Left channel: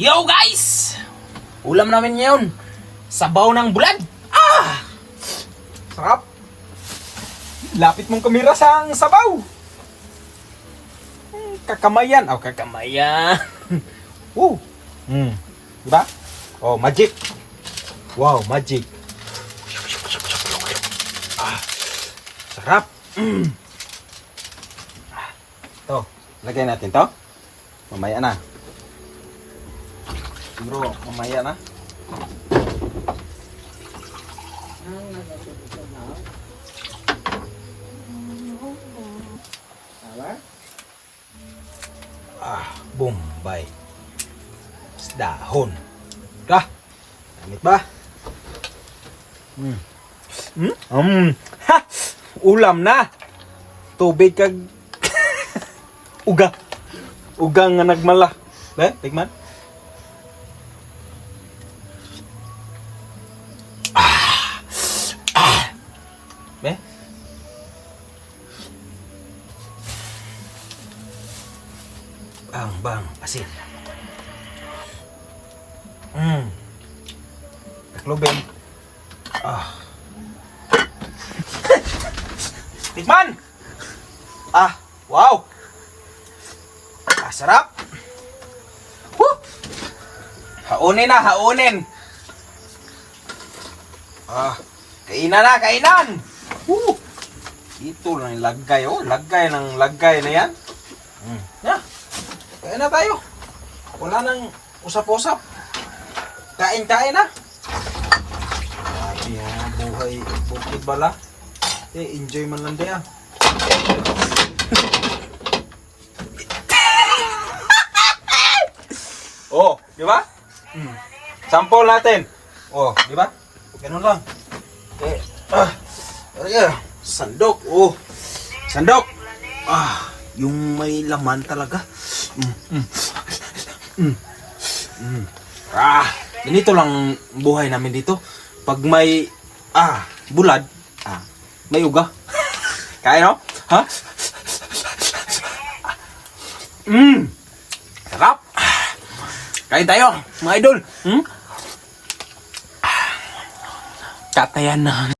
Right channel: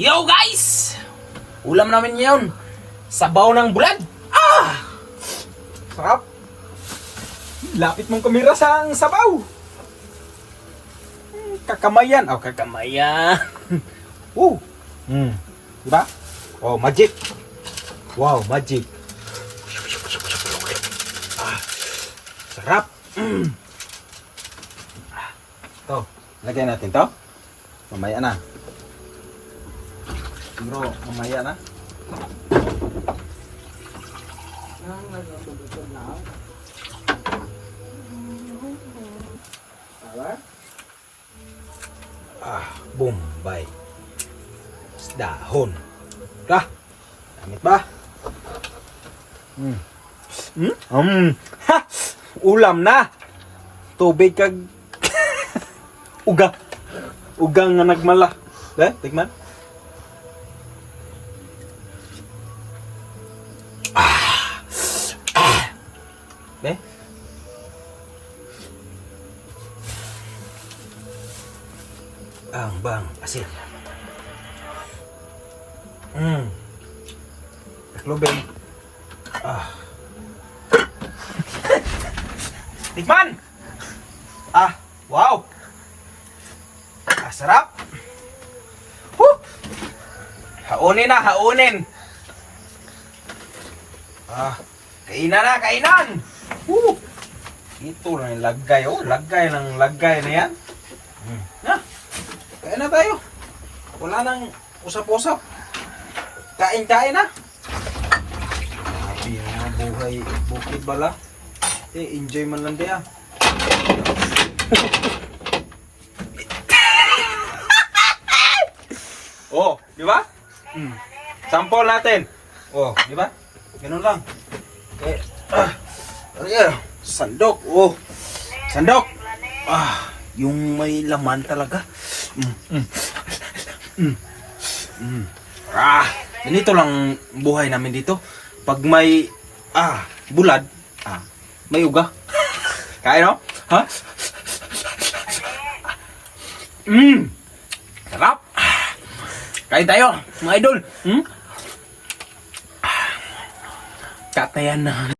Yo guys! Ulam namin ngayon. Sabaw ng bulad. Sarap. Lapit mong kamera sa sabaw. Kakamayan. Oh, kakamayan. Woo! Diba? Oh, magic. Wow, magic. Sarap. To, lagay natin to. Mamaya na. Siguro, mamaya na. Bombay. Dahon. Dah. Damit ba? Ha! Ulam na. Tubig kag uga. Uga nga nagmala. Tikman. Be? Bang, asin. Taklobin. Tikman! Wow! Sarap! Woo! Haunin na, haunin! Kainan na, kainan! Woo! Ito lang yung lagay, lagay na yan. Kain na tayo. Wala nang usap-usap. Kain na. Sabi buhay bukid bala. Enjoy man lang diyan. Oh, di ba? Sample natin. Oh, di ba? Ganun lang. Sandok. Oh. Sandok. Yung may laman talaga. Ganito lang buhay namin dito. Pag may bulad, may uga. Kain, no? Ha? Sarap. Kain tayo, mga idol. Katayan na.